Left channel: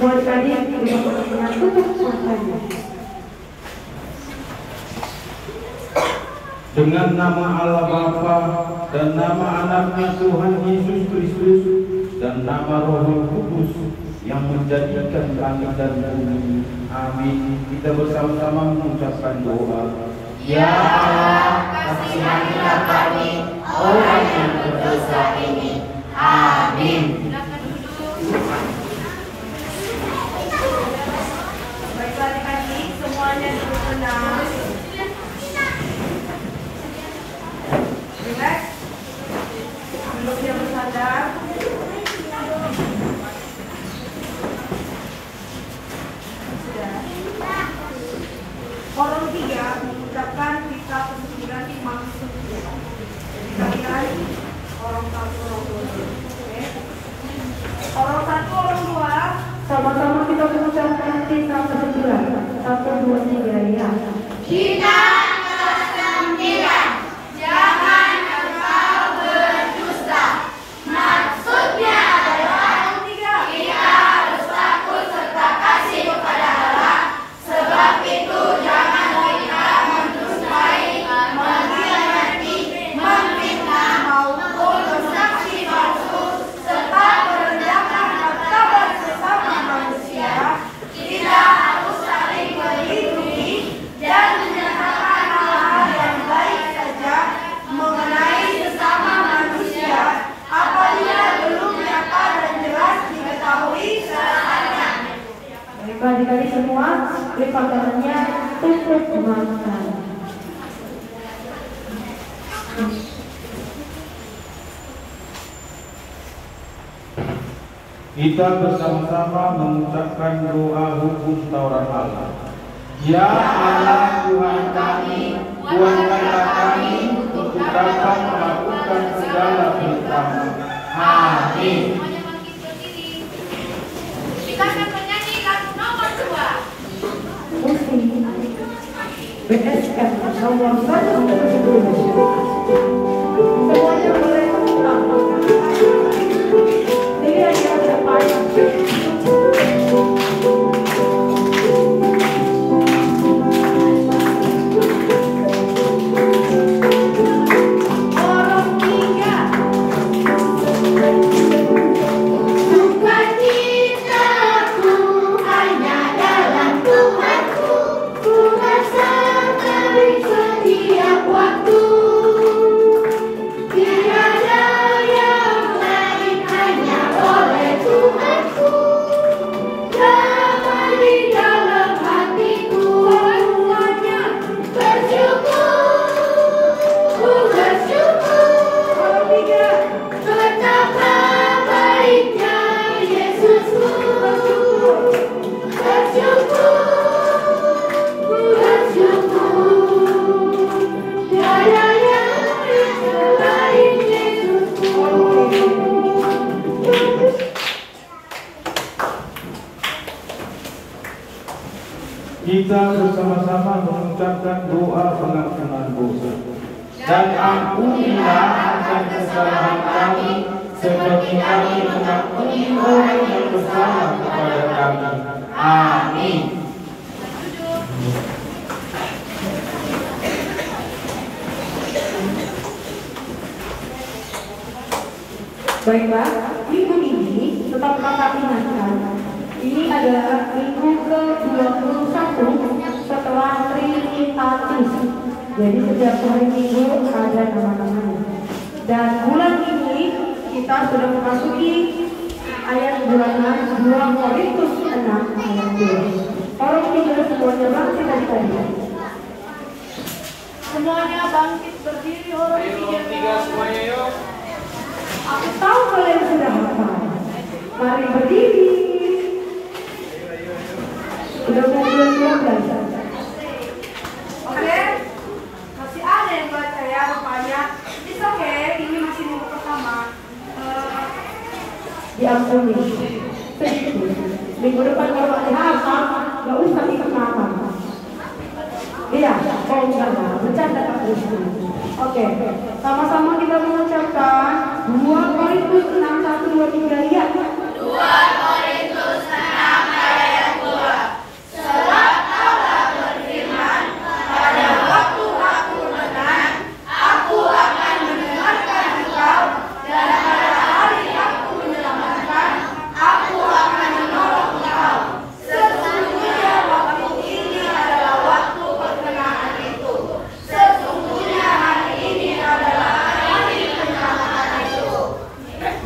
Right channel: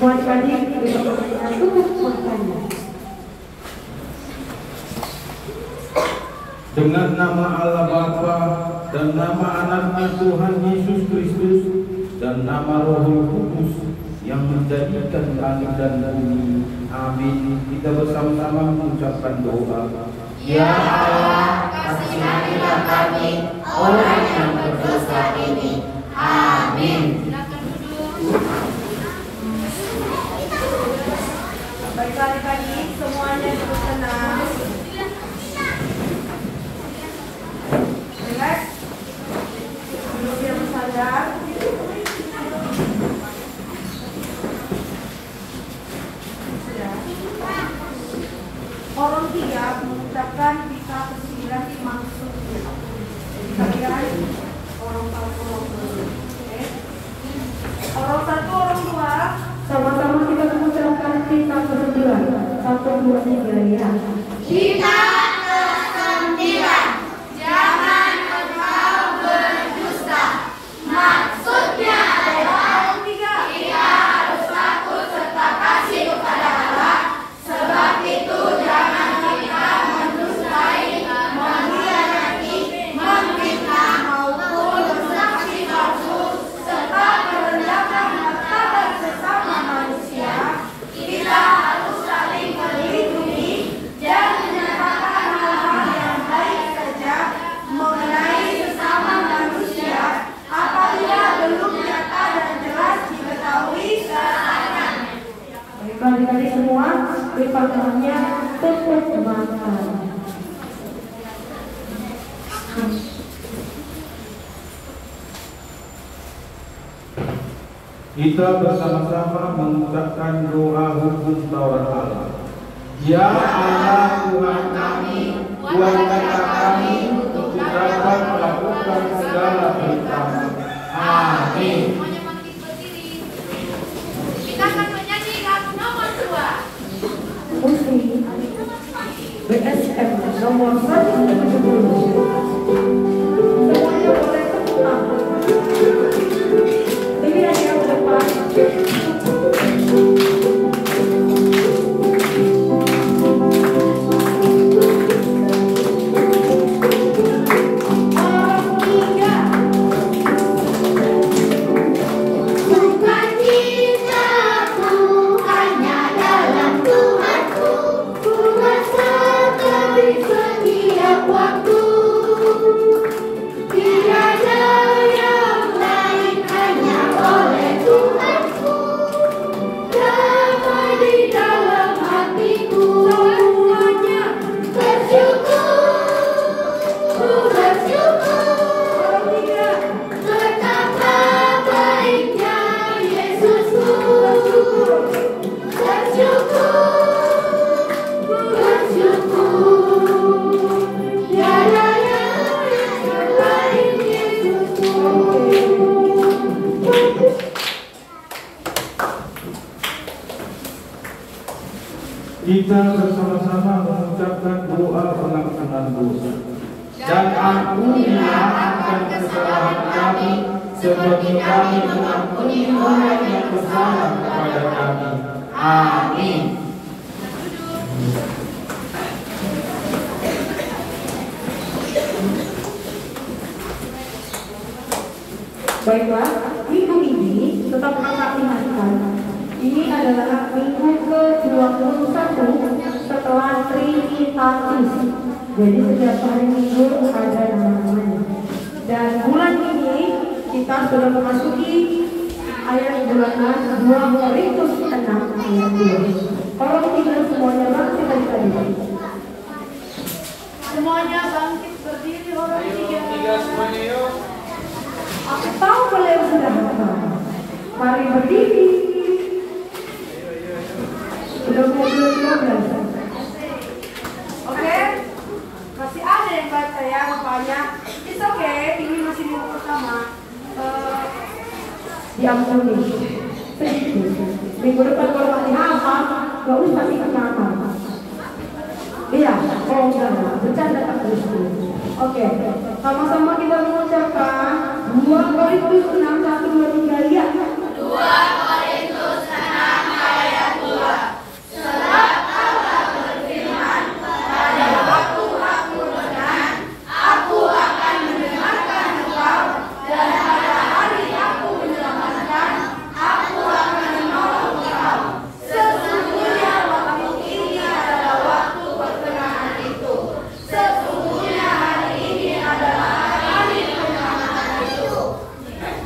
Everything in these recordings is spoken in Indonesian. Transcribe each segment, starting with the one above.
Semua adik-adik dengan tutup matanya. Dengan nama Allah Bapa dan nama anaknya Tuhan Yesus Kristus dan nama Roh Kudus yang menjadikan langit dan bumi. Amin. Kita bersama-sama mengucapkan doa. Ya Allah, kasihanilah kami orang yang berdosa ini. Amin. Silakan duduk. Baiklah adik-adik, semuanya duduk tenang. Relax. Duduknya bersandar. Orang 3 mengucapkan kita ke-9 maksud. Jadi kalian orang 1, orang 2. Oke. Orang 1, orang 2. Sama-sama kita mengucapkan kita ke-9. 1, 2, 3 ya. Kita ke-9. Jangan engkau berdusta. Maksudnya adalah kita harus takut serta kasih kepada Allah. Sebab itu jangan kita mendustai, mengkhianati, memfitnah maupun bersaksi palsu serta merendahkan martabat sesama manusia. Kita harus saling melindungi dan menyatakan hal-hal yang baik saja mengenai sesama manusia apabila belum nyata dan jelas diketahui syaratnya. Baiklah adik-adik semua, lipat tangannya, tutup mata. Kita bersama-sama mengucapkan doa hukum Taurat Allah. Ya Allah Tuhan kami, kuatkanlah kami untuk dapat melakukan segala perintah-Mu. Amin. Semuanya bangkit berdiri. Kita akan menyanyi lagu nomor 2. Musik BSM nomor 1 semuanya boleh pulang. Ini yang ke depan. Setiap waktu tiada yang lain, hanya oleh Tuhanku. Damai di dalam hatiku, semuanya bersyukur, bersyukur. Betapa baiknya Yesusku, bersyukur, bersyukur. Tiada yang selain Yesusku. Kita bersama-sama mengucapkan doa pengampunan dosa. Dan ampunilah akan kesalahan kami, seperti kami mengampuni orang yang bersalah kepada kami. Amin. Baiklah, minggu ini tetap kakak ingatkan. Ini adalah minggu ke-21 setelah Trinitatis. Jadi setiap hari minggu ada nama-namanya. Dan bulan ini kita sudah memasuki ayat bulanan 2 Korintus 6 ayat 2. Tolong tinggal semuanya bangkit dari tadi. Semuanya bangkit berdiri orang 3. Semuanya yuk. Aku tahu kalian sudah hafal. Mari berdiri. Sudah mau bulan-bulan. Oke, masih ada yang baca ya rupanya. It's okay, ini masih minggu pertama. Diampuni. Minggu depan kalau masih hafal, nggak usah ikut hafal. Iya, kalau enggak, bercanda tak bisa. Oke, sama-sama kita mengucapkan 2 Korintus 6, 1, 2, 3 ya. 2 Korintus 6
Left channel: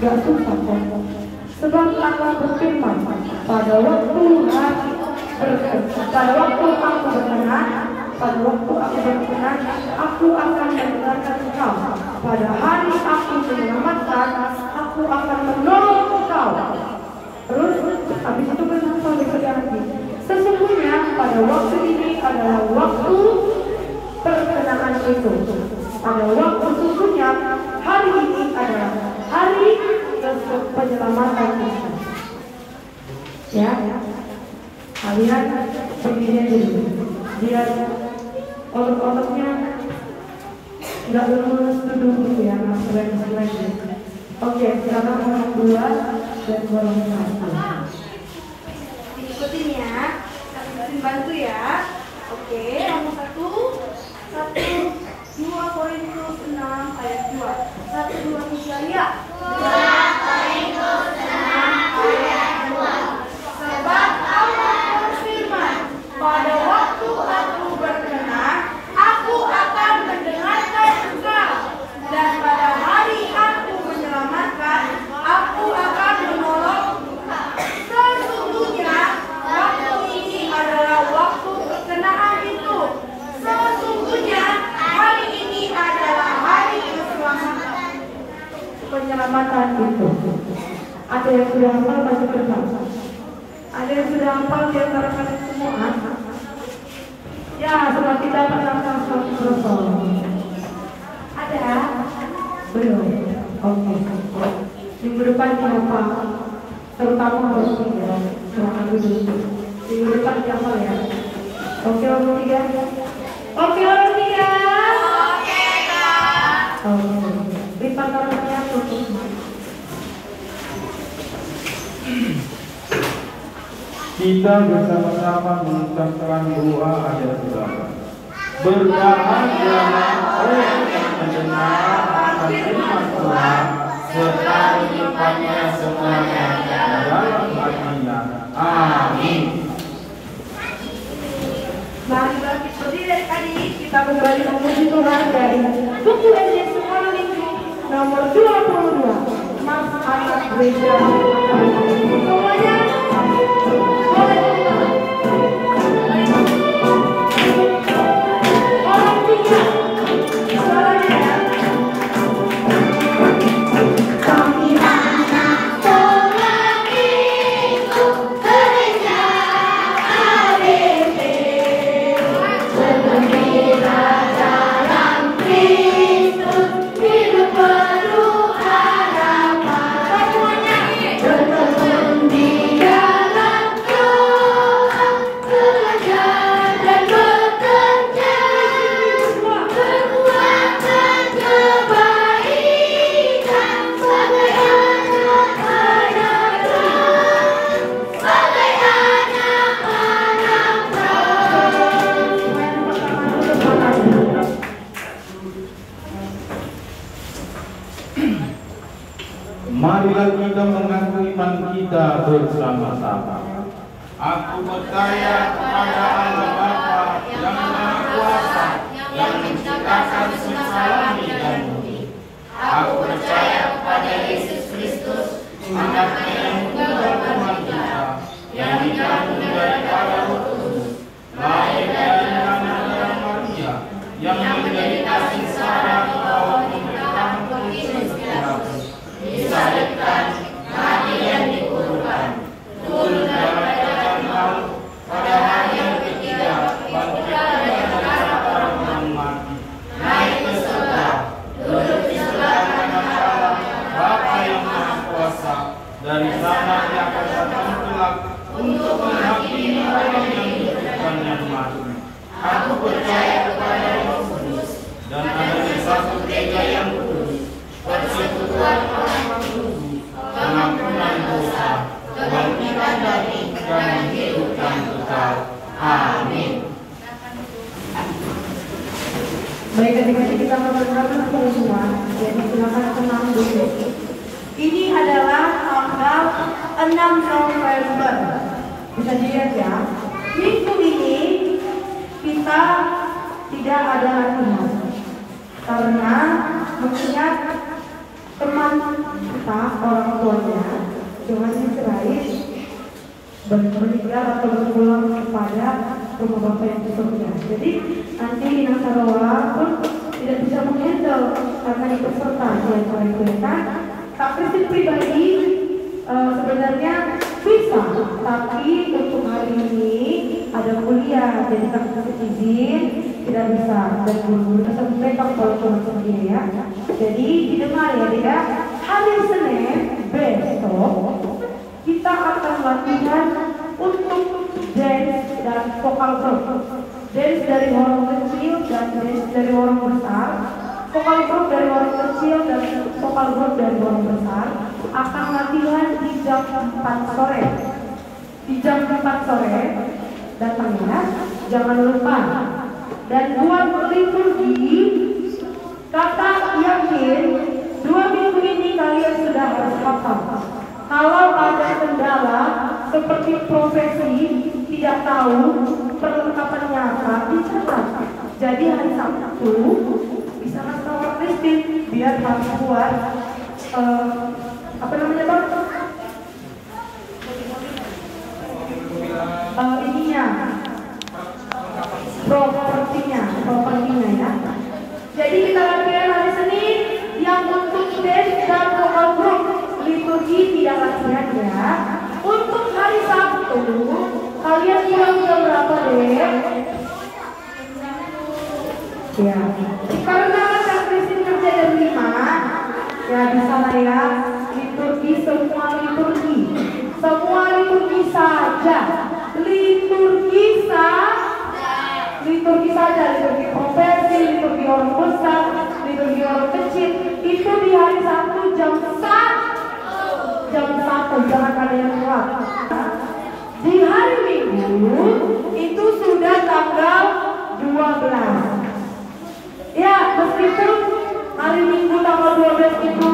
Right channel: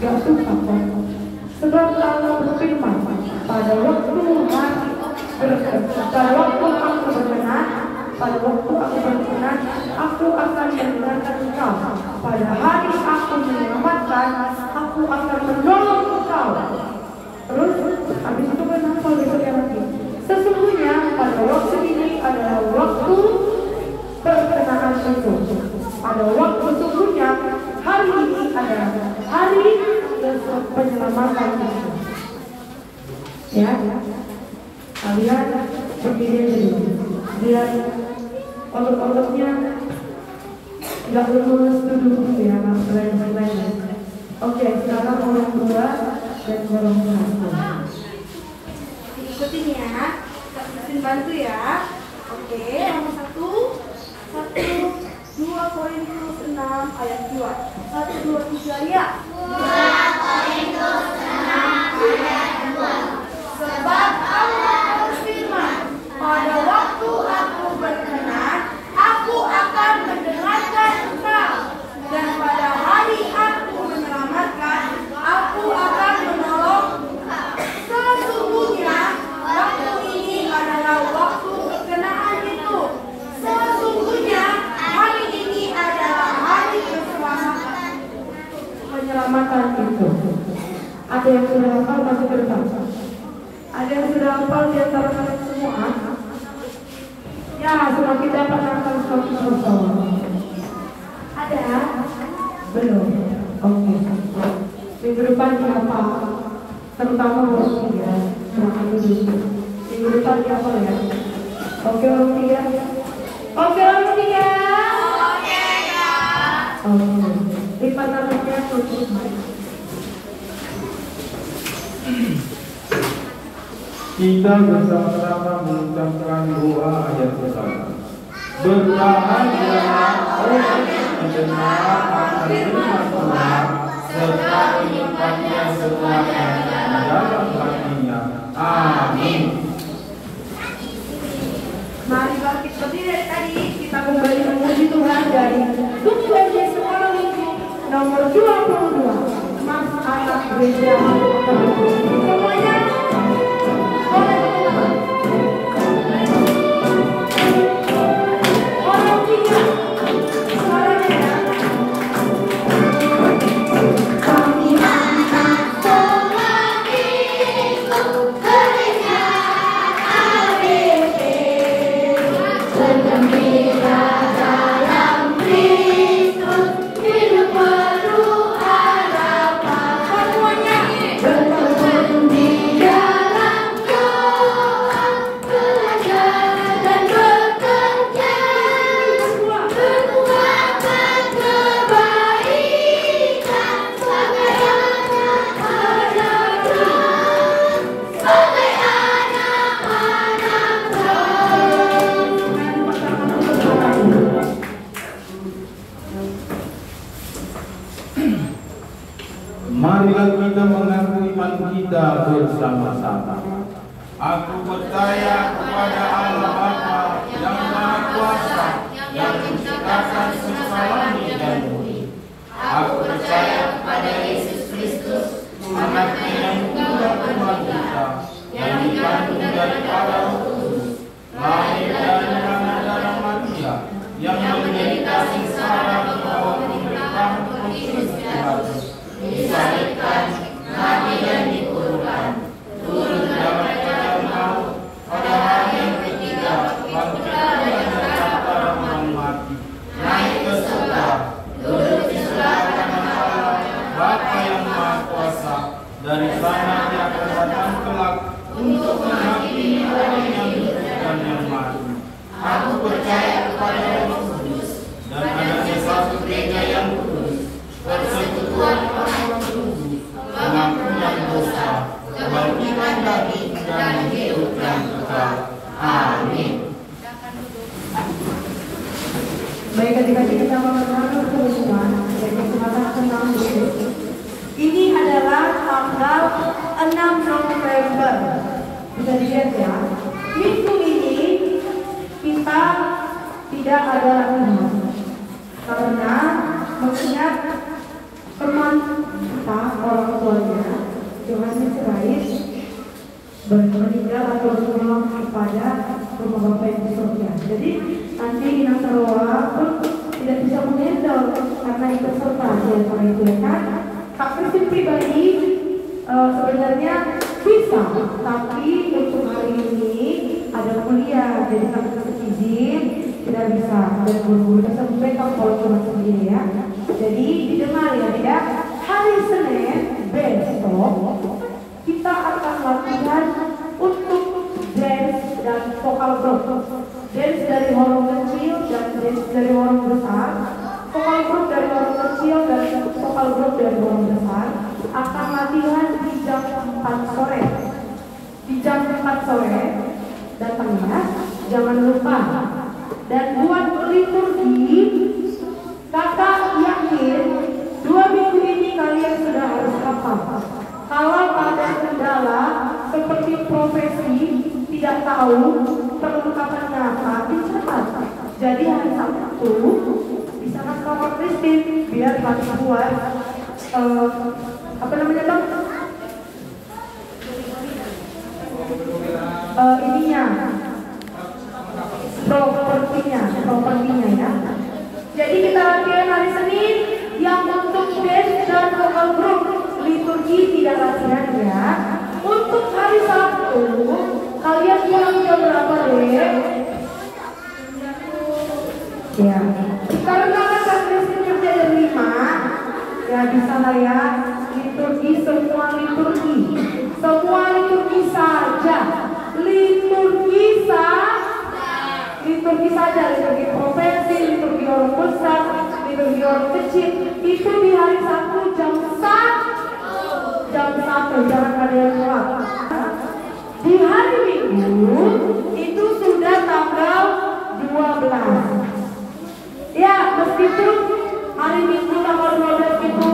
Gak susah kok. Sebab Allah berfirman, pada waktu aku berkenan, aku akan mendengarkan engkau. Pada hari aku menyelamatkan, aku akan menolong engkau. Terus, habis itu berkata berikutnya lagi. Sesungguhnya pada waktu ini adalah waktu perkenaan itu. Pada waktu sesungguhnya hari ini adalah hari penyelamatan kita. Ya, kalian berdiri dulu. Biar otot-ototnya nggak lurus duduk ya, mas lain-lain. Oke, sekarang golong 2 dan golong 1. Ikutin ya, kalian bantu ya. Oke, nomor 2 Korintus 6 ayat 2. 1, 2, 3 ya. 2 Korintus 6 ayat 2. Sebab Allah berfirman, pada waktu aku berkenan, aku akan mendengarkan engkau. Dan pada hari aku menyelamatkan, aku akan menolong engkau. Sesungguhnya waktu ini adalah waktu perkenaan itu. Sesungguhnya hari ini adalah hari keselamatan. Penyelamatan itu. Ada yang sudah hafal masuk ke depan? Ada yang sudah hafal di antara kalian semua? Ya, semua kita pernah hafal. Ada? Belum? Oke. Minggu depan dihafal. Terutama golong 3. Minggu depan dihafal ya. Oke, golong 3. Oke, golong 3. Oke, Kak. Oke. Lipat tangannya tutup. Kita bersama-sama mengucapkan doa ayat pertama. Berbahagialah orang yang mendengar akan firman Tuhan serta menyimpannya semuanya dalam hatinya. Amin. Mari kita berdiri adik, kita kembali memuji Tuhan dari buku SD Sekolah Minggu nomor 22. Mas anak gereja semuanya boleh keluar. Orang 3 suaranya ya. Kami anak sekolah minggu gereja ABP, bergembira dalam Kristus, hidup penuh harapan. Semuanya Bertekun di dalam doa, belajar dan bekerja, berbuatkan kebaikan sebagai anak-anak Tuhan, sebagai anak-anak Tuhan. Marilah kita mengaku iman kita bersama-sama. Aku percaya kepada Allah Bapa yang Maha Kuasa, yang menciptakan semesta langit dan bumi. Aku percaya kepada Yesus Kristus, anaknya yang tunggal Tuhan kita, yang dikandung daripada Roh Kudus, lahir dari Maria Maria, yang menderita sengsara di bawah pemerintahan Pontius Pilatus, disalibkan, mati dan dikuburkan, turun daripada maut, pada hari yang ketiga bangkit dari antara orang mati, naik ke surga, duduk di sebelah kanan Allah Bapa yang Maha Kuasa. Dari sana Dia akan datang kelak untuk menghakimi orang yang hidup dan yang mati. Aku percaya kepada Roh Kudus dan adanya satu gereja yang kudus, persekutuan orang bertumbuh, pengampunan dosa, kebangkitan daging dan hidup yang kekal. Amin. Baik, ketika kita melakukan kerusuhan, yaitu senang Ini adalah tanggal 6 November. kita orang tuanya Tuhan Yesus meninggal atau berpulang kepada rumah Bapa yang di surga. Jadi nanti Nasaroa pun tidak bisa menghandle karena ikut serta dia kan. Kak Kristin pribadi sebenarnya bisa, tapi untuk hari ini ada kuliah, jadi Kak Kristin izin tidak bisa dan guru-guru sampai kalau cuma sendiri ya. Jadi didengar ya tidak. Hari Senin besok kita akan latihan untuk dance dan vokal group. Dance dari orang kecil dan dance dari orang besar. Vokal group dari orang kecil dan vokal group dari orang besar akan latihan di jam 4 sore. Di jam 4 sore datang ya, jangan lupa. Dan buat liturgi, kakak yakin 2 minggu ini kalian sudah harus hafal. Kalau ada kendala seperti profesi tidak tahu perlengkapannya apa, dicatat. Jadi hari Sabtu bisa ngasih Kak Kristin biar harus buat apa namanya dok? Ininya propertinya ya. Jadi kita latihan hari Senin yang untuk dance dan vokal group. Liturgi tidak latihan ya. Untuk hari Sabtu kalian bilang jam berapa deh? Ya, karena Kak Kristin kerja jam 5 ya bisa lah ya. Liturgi semua liturgi saja. Liturgi saja, liturgi profesi, liturgi orang besar, liturgi orang kecil itu di hari Sabtu jam 1 jangan kalian lewat. Di hari Minggu itu sudah tanggal 12 ya, meskipun hari Minggu tanggal 12 itu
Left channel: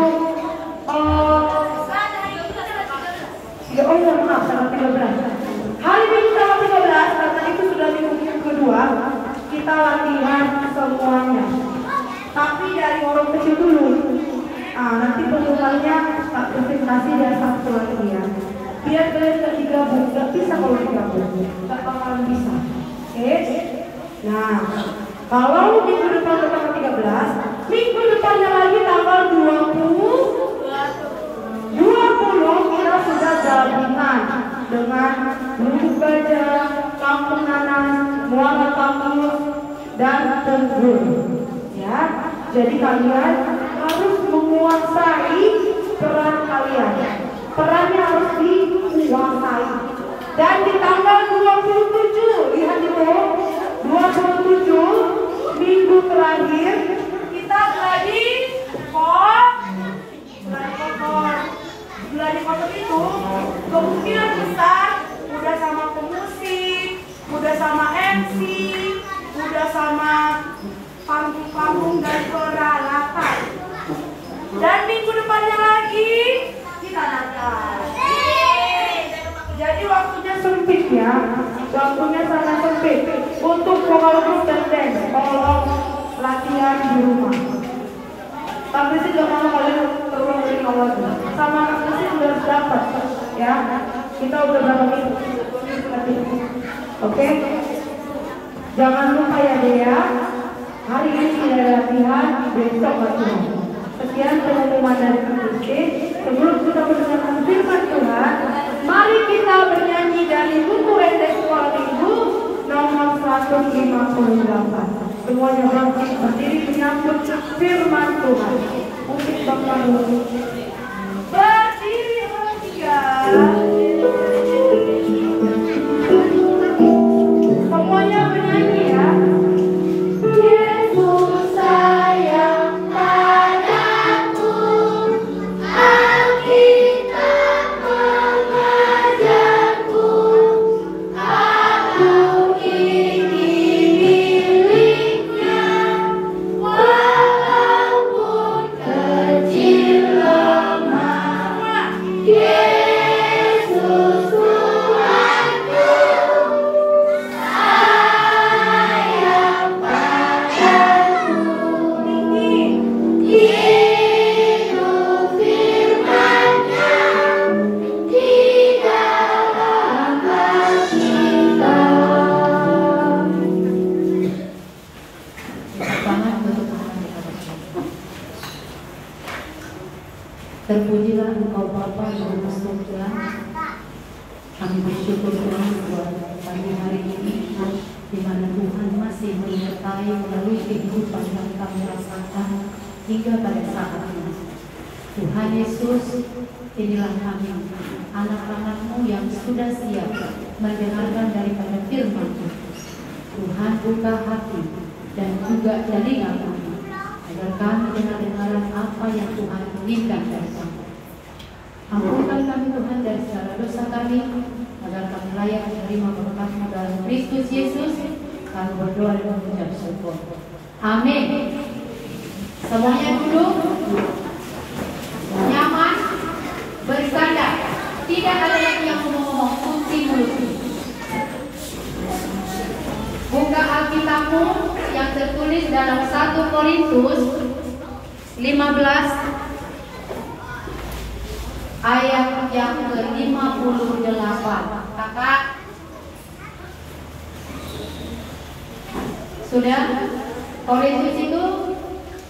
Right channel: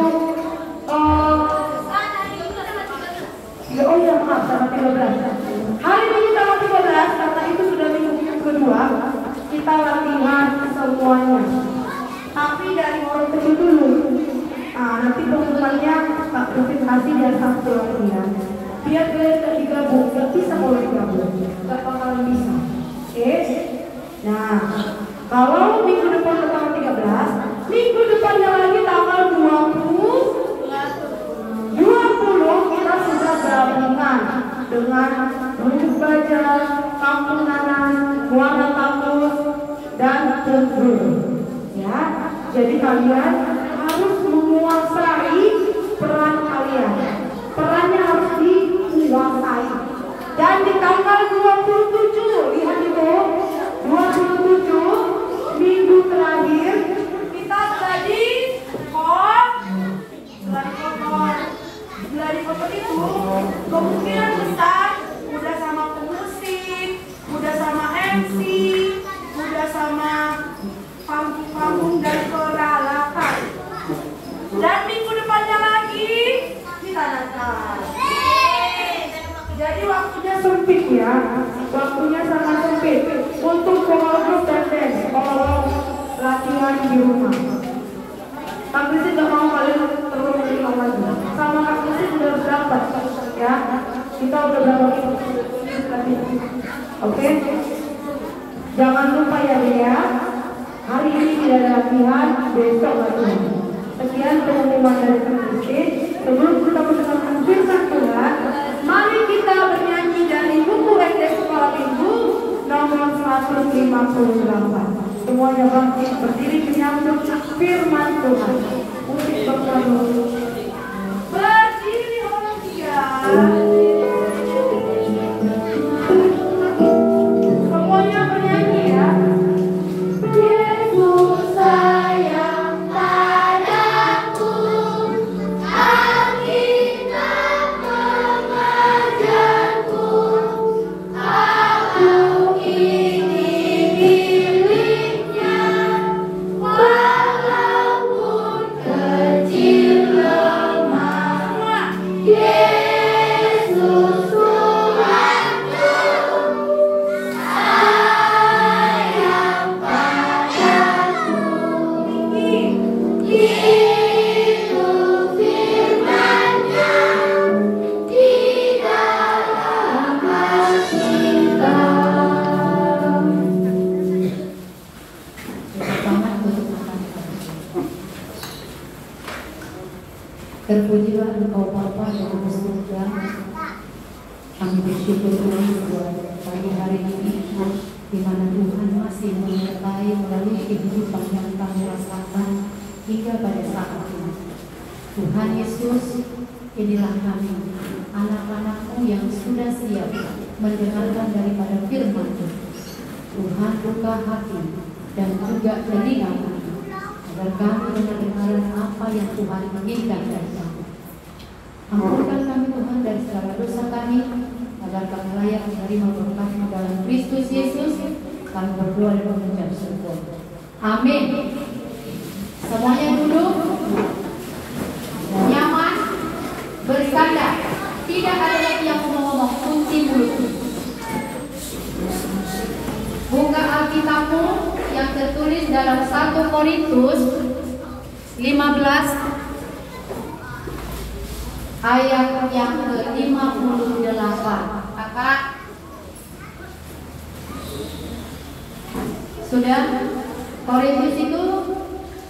maaf tanggal 13. Hari Minggu tanggal 13 karena itu sudah minggu kedua kita latihan semuanya. Tapi dari orang kecil dulu. Nanti pengumumannya Kak Kristin kasih dia Sabtu lagi ya. Biar kalian gak digabung, gak bisa kalau digabung, gak bakalan bisa. Oke? Nah, kalau minggu depan tanggal 13, minggu depannya lagi tanggal 20 kita sudah gabungan dengan Guru Baja, Kampung Nanas, Muara Kampus, dan Tenggur. Ya, jadi kalian harus menguasai peran kalian. Perannya harus dikuasai. Dan di tanggal 27, lihat itu, 27 minggu terakhir kita gladi kotor itu kemungkinan besar udah sama pemusik, udah sama MC, udah sama panggung dan peralatan. Dan minggu depannya lagi kita natal. Jadi waktunya sempit ya, waktunya sangat sempit untuk vokal group dan dance. Tolong latihan di rumah. Tapi sih gak mau kalian terulang dari awal. Sama sih sudah dapat ya. Kita udah berapa minggu. Oke? Jangan lupa ya Dea. Hari ini tidak latihan, besok latihan. Sekian pengumuman dari Kristin. Sebelum kita mendengarkan firman Tuhan, mari kita bernyanyi dari buku Entes Sekolah Minggu nomor 158. Semuanya bangkit berdiri menyambut firman Tuhan. Musik Bapak dulu. Berdiri orang tiga. Semuanya bernyanyi ya. Yesus sayang padaku, Alkitab mengajarku, aku ini miliknya, Terpujilah Engkau Bapa yang di surga. Kami bersyukur Tuhan buat pagi hari ini, di mana Tuhan masih menyertai melalui kehidupan yang kami rasakan hingga pada saat ini. Tuhan Yesus, inilah kami, anak-anak-Mu yang sudah siap mendengarkan daripada firman-Mu. Tuhan buka hati dan juga telinga kami, agar kami dengar-dengaran apa yang Tuhan inginkan dari kami. Ampunkan kami Tuhan dari segala dosa kami, agar kami layak menerima berkat-Mu dalam Kristus Yesus. Kami berdoa dan mengucap syukur. Amin. Semuanya duduk, nyaman, bersandar. Tidak ada lagi yang mau ngomong, kunci mulut. Buka Alkitabmu yang tertulis dalam 1 Korintus 15 ayat yang ke-58. Kakak sudah? Korintus itu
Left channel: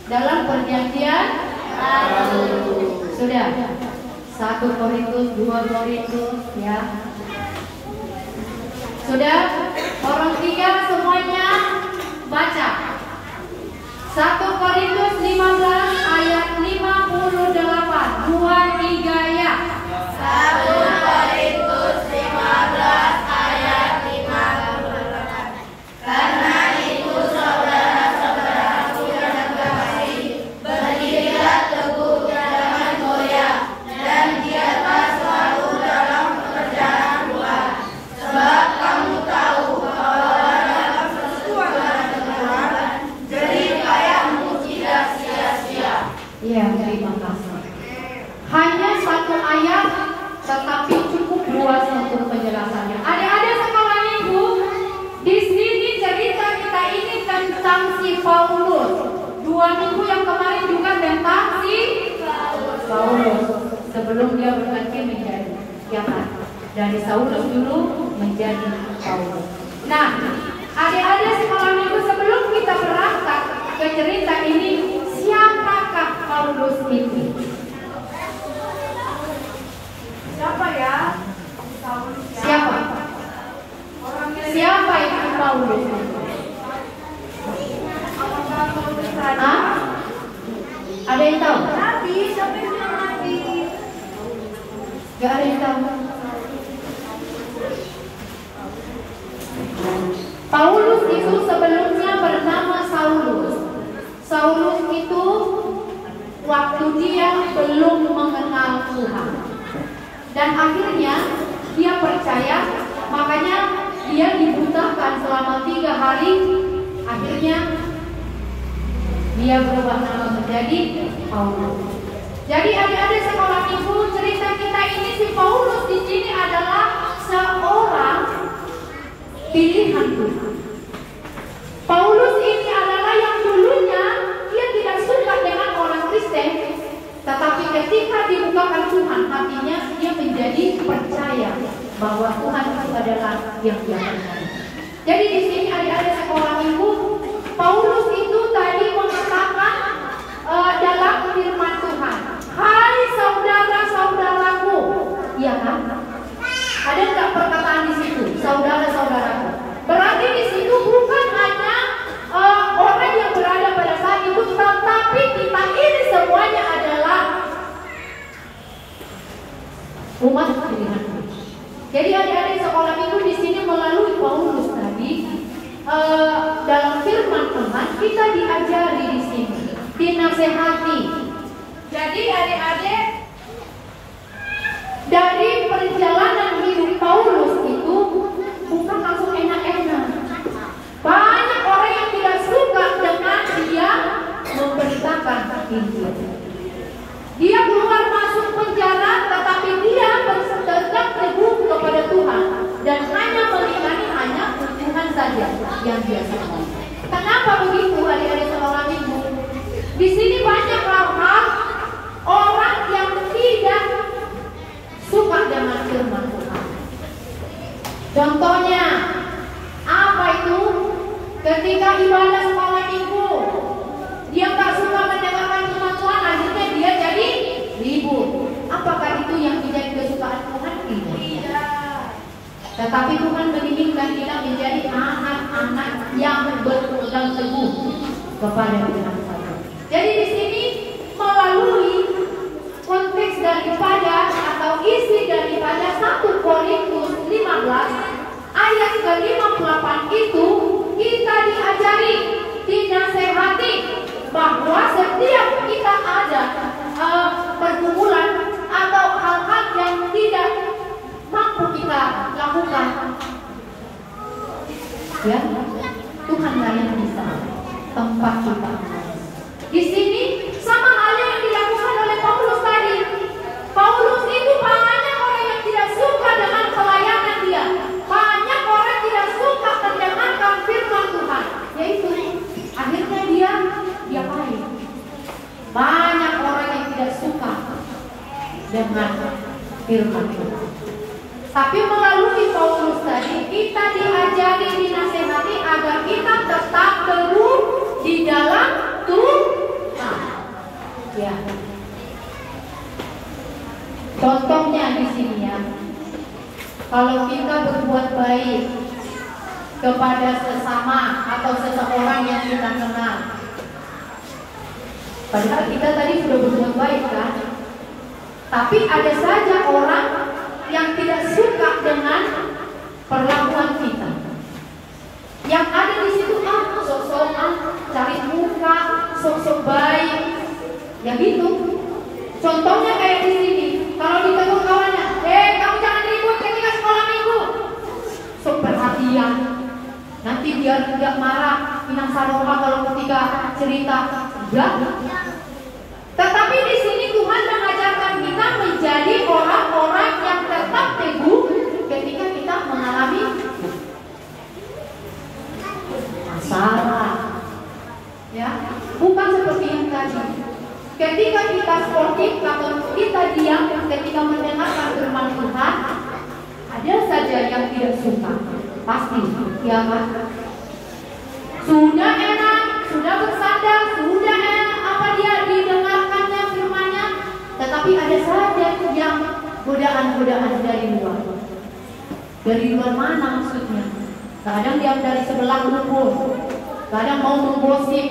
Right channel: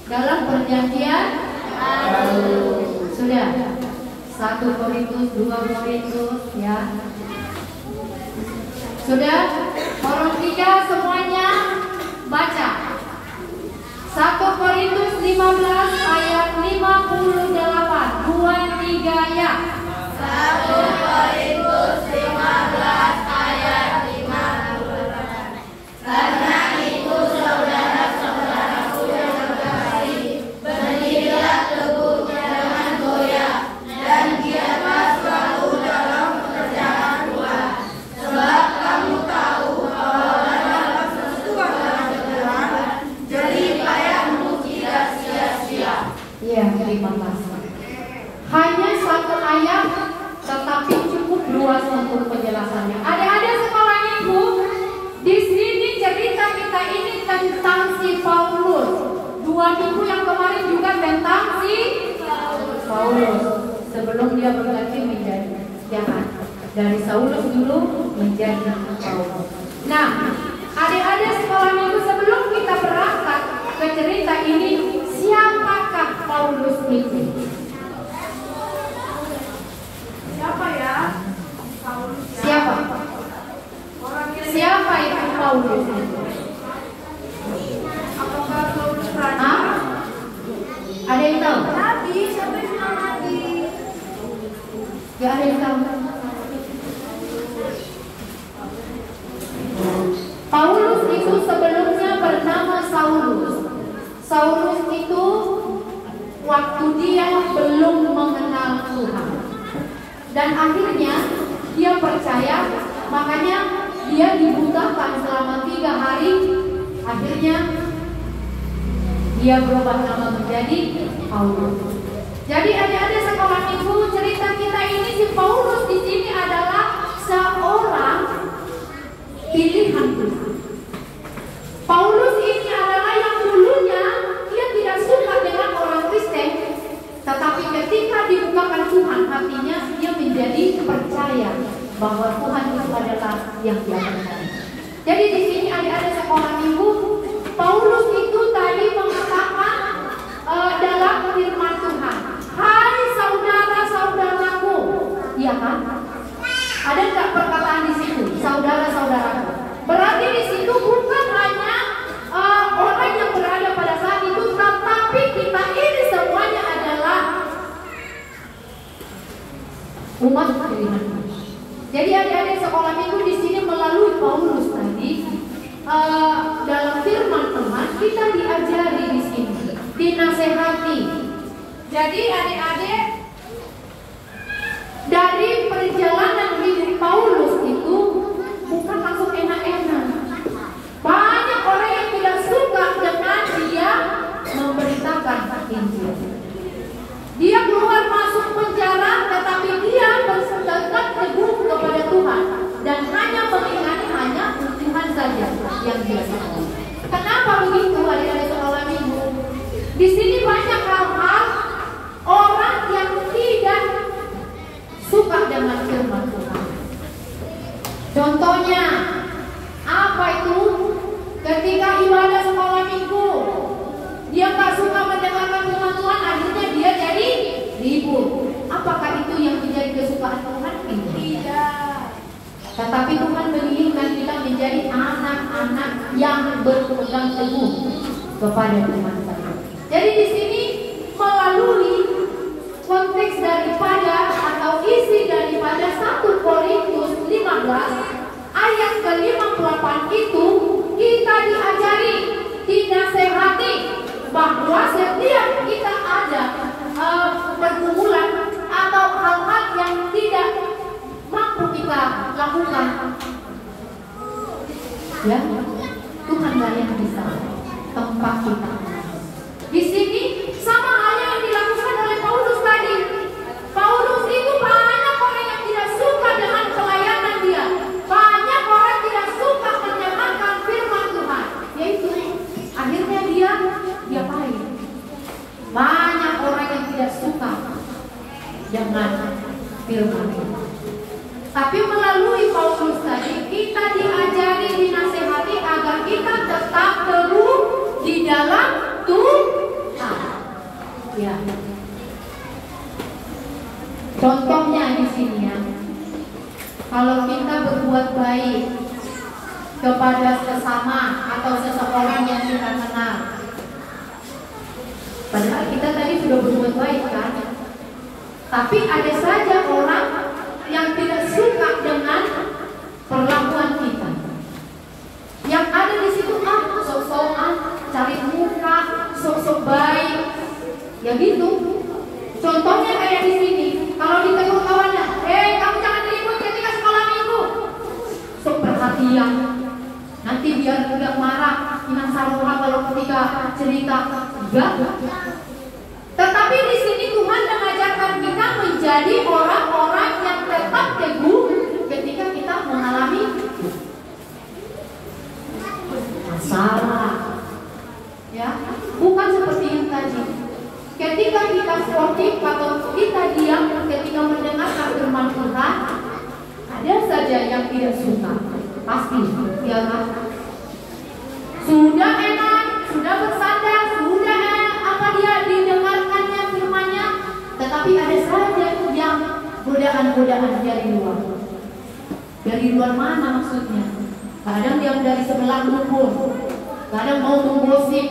dalam perjanjian sudah. 1 Korintus, 2 Korintus, ya. Sudah? Orang tiga semuanya baca. 1 Korintus 15 ayat 58. 2, 3 ya. 1 Korintus 15 ayat 58. Karena itu saudara-saudaraku yang terkasih, berdirilah teguh, jangan goyah, dan giatlah selalu dalam pekerjaan Tuhan. Sebab kamu tahu bahwa dalam persekutuan Tuhan, jerih payahmu tidak sia-sia. Ya, terima kasih. Hanya satu ayat, tetapi cukup luas untuk penjelasannya. Adik-adik sekolah minggu, di sini cerita kita ini tentang si Paulus. 2 minggu yang kemarin juga tentang si Paulus. Sebelum dia berganti menjadi, ya kan? Dari Saulus dulu menjadi Paulus. Nah, adik-adik sekolah minggu, sebelum kita berangkat ke cerita ini, siapakah Paulus itu? Siapa ya? Siapa? Siapa itu Paulus? Apakah Paulus raja? Hah? Ada yang tahu? Nabi, siapa yang bilang nabi? Gak ada yang tahu. Paulus itu sebelumnya bernama Saulus. Saulus itu waktu dia belum mengenal Tuhan. Dan akhirnya dia percaya, makanya dia dibutakan selama 3 hari. Akhirnya dia berubah nama menjadi Paulus. Jadi adik-adik sekolah minggu, cerita kita ini si Paulus di sini adalah seorang pilihan Tuhan. Paulus ini adalah yang dulunya dia tidak suka dengan orang Kristen, tetapi ketika dibukakan Tuhan hatinya, dia menjadi percaya bahwa Tuhan itu adalah yang dia percaya. Jadi di sini adik-adik sekolah minggu, Paulus itu tadi mengatakan dalam firman Tuhan, hai saudara-saudaraku, iya kan? Ada nggak perkataan di situ, saudara-saudaraku? Berarti di situ bukan hanya orang yang berada pada saat itu, tetapi kita ini semuanya adalah umat pilihan. Jadi adik-adik sekolah minggu di sini melalui Paulus tadi dalam firman Tuhan kita diajari di sini, dinasehati. Jadi adik-adik dari perjalanan hidup Paulus itu bukan langsung enak-enak. Banyak orang yang tidak suka dengan dia memberitakan Injil. Dia keluar masuk penjara, tetapi dia bersedekat teguh kepada Tuhan dan hanya mengingani hanya Tuhan saja yang dia tahu. Kenapa begitu adik-adik sekolah minggu? Di sini banyak hal-hal orang yang tidak suka dengan firman Tuhan. Contohnya apa itu? Ketika ibadah sekolah minggu, dia tak suka mendengarkan firman Tuhan, akhirnya dia jadi ribut. Tetapi Tuhan menginginkan kita menjadi anak-anak yang berpegang teguh kepada Tuhan saja. Jadi di sini melalui konteks daripada atau isi daripada 1 Korintus 15 ayat ke-58 itu kita diajari, dinasehati bahwa setiap kita ada pergumulan atau hal-hal yang tidak mampu kita lakukan, ya Tuhanlah yang bisa tempat kita. Di sini sama halnya yang dilakukan oleh Paulus tadi. Paulus itu banyak orang yang tidak suka dengan pelayanan dia, banyak orang tidak suka mendengarkan firman Tuhan, yaitu akhirnya dia diapain? Banyak orang yang tidak suka dengan firman Tuhan. Tapi melalui Paulus tadi kita diajari, dinasehati agar kita tetap teguh di dalam Tuhan. Ya. Contohnya di sini ya. Kalau kita berbuat baik kepada sesama atau seseorang yang kita kenal, padahal kita tadi sudah berbuat baik kan? Tapi ada saja orang yang tidak suka dengan perlakuan kita. Yang ada di situ sok-sokan, cari muka, sok-sok baik, ya gitu. Contohnya kayak di sini, kalau ditegur kawannya, kamu jangan ribut ketika sekolah minggu. Sok perhatian, nanti biar tidak marah, Inang Saroha kalau ketika cerita, enggak. Tetapi di sini Tuhan mengajarkan kita menjadi orang-orang yang tetap teguh ketika kita mengalami masalah. Ya, bukan seperti yang tadi. Ketika kita sportif atau kita diam ketika mendengarkan firman Tuhan, ada saja yang tidak suka. Pasti, ya kan? Sudah enak, sudah bersandar, sudah enak apa dia didengarkannya firman-Nya, tetapi ada saja yang godaan-godaan dari luar. Dari luar mana maksudnya? Kadang dia dari sebelah luput, kadang mau menggosip,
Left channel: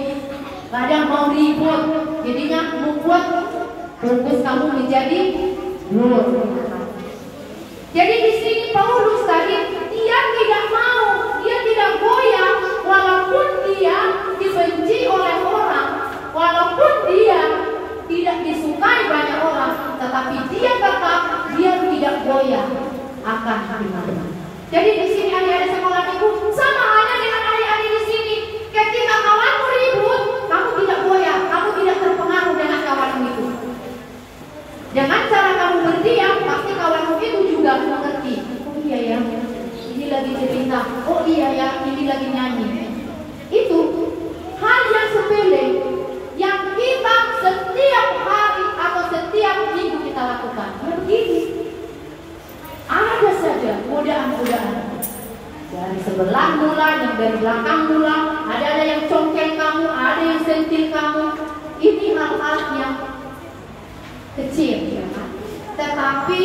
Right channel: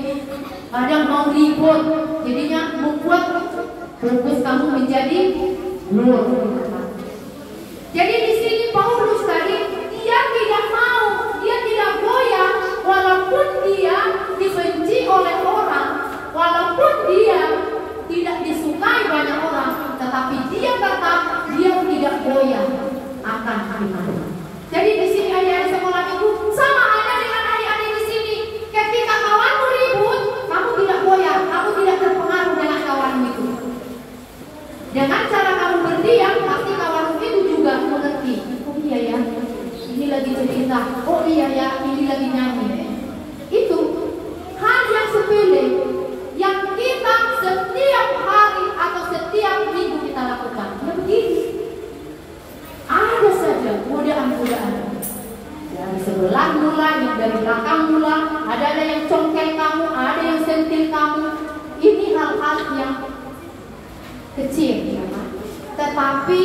kadang mau ribut, jadinya membuat fokus kamu menjadi luar. Jadi di sini Paulus tadi dia tidak mau, dia tidak goyah, walaupun dia dibenci oleh orang, walaupun dia tidak disukai banyak orang, tetapi dia tetap tidak goyah akan firman. Jadi di sini adik-adik sekolah minggu sama halnya dengan adik-adik di sini. Ketika kawanmu ribut, kamu tidak goyah, kamu tidak terpengaruh dengan kawanmu itu. Dengan cara kamu berdiam, pasti kawanmu itu juga mengerti. Oh iya ya, ini lagi cerita. Oh iya ya, ini lagi nyanyi. Itu hal yang sepele yang kita setiap hari atau setiap minggu kita lakukan. Ya begini. Ada saja godaan-godaan dari sebelah mula, yang dari belakang mula, ada yang congkel kamu, ada yang sentil kamu. Ini hal-hal yang kecil, ya kan? Tetapi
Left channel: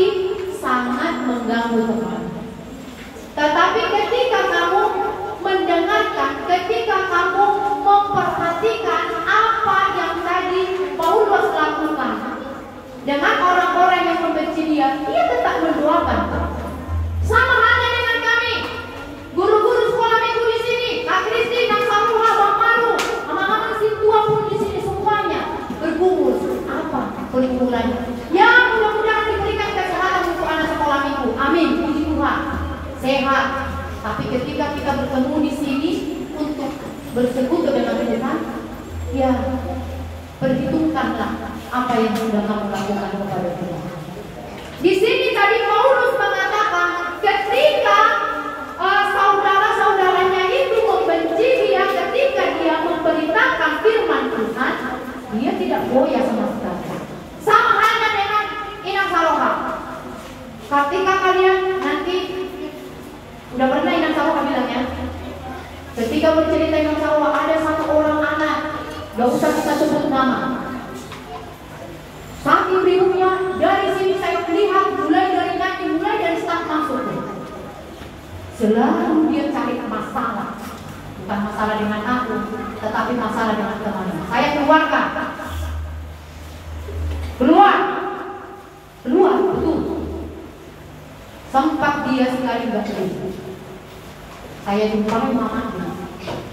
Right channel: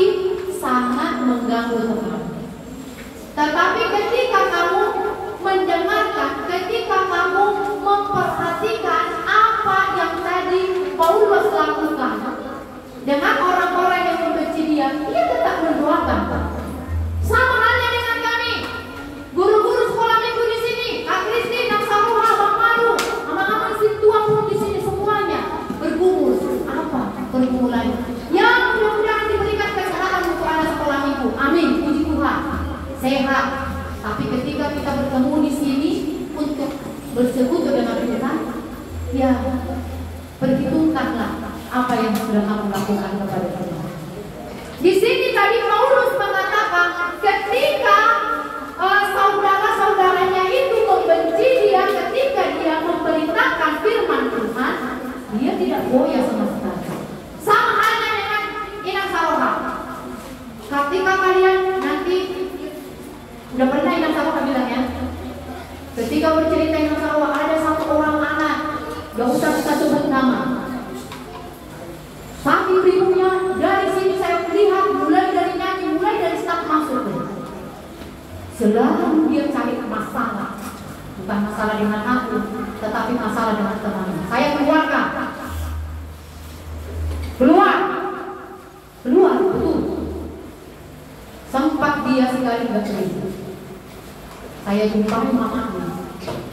sangat mengganggu teman. Tetapi ketika kamu mendengarkan, ketika kamu memperhatikan apa yang tadi Paulus lakukan dengan orang-orang yang membenci dia tetap mendoakan. Sama halnya dengan kami, guru-guru sekolah minggu di sini, Kak Kristi, Kak Saruha, Bang Maru, mama-mama tua pun di sini semuanya bergumul. Apa pergumulannya? Ya mudah-mudahan diberikan kesehatan untuk anak sekolah minggu. Amin, puji Tuhan, sehat. Tapi ketika kita bertemu di sini untuk bersekutu dengan Tuhan, ya perhitungkanlah apa yang sudah kamu lakukan kepada Tuhan. Di sini tadi Paulus mengatakan ketika saudara-saudaranya itu membenci dia, ketika dia memberitakan firman Tuhan, dia tidak goyah sama sekali. Sama halnya dengan Inang Saroha. Ketika kalian nanti udah pernah Inang Saroha bilang ya, ketika bercerita Inang Saroha ada satu orang anak, gak usah kita sebut nama. Saking bingung dari sini saya melihat mulai dari nyanyi, mulai dari start masuk. Selalu dia cari masalah. Bukan masalah dengan aku, tetapi masalah dengan temannya. Saya keluarkan. Keluar, betul. Sempat dia sekali nggak terima. Saya jumpai mamanya.